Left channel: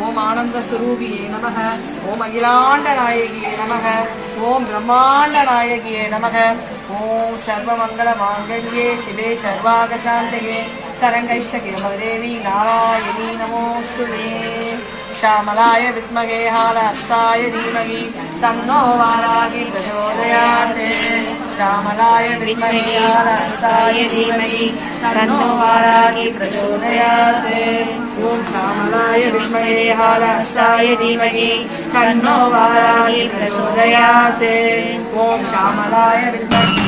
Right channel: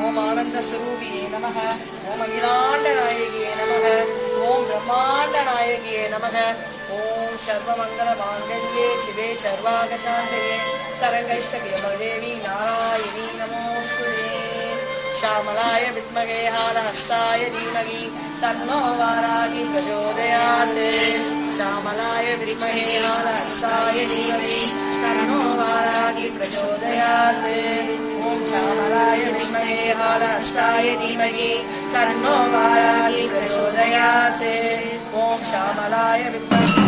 ఓం ఆనంద ఆనందస్వరూపియే నమ. ఓం అఖిలాండ అఖిలాండనాయకియే నమ. ఓం బ్రహ్మాండ బ్రహ్మాండనాయకియే నమ. ఓం సర్వమంగళ మాంగళ్యే శివే సర్వాగశాంతయే. సరంగైష్టకే మదేవి నారాయణీ నమోస్తు శ్యామలాయ విద్మగే హాలహస్తాయ ధీమహి. తన్నో వారాగి ప్రచోదయాత్. శ్యామలాయ విద్మగే హాలహస్తాయ ధీమహి. తన్నో వారాగి ప్రచోదయాత్. శ్యామలాయ విద్మహే హాలహస్తాయ ధీమహి తన్నో వారాగి ప్రచోదయాత్ ఓం శ్యామలాయ విద్మహే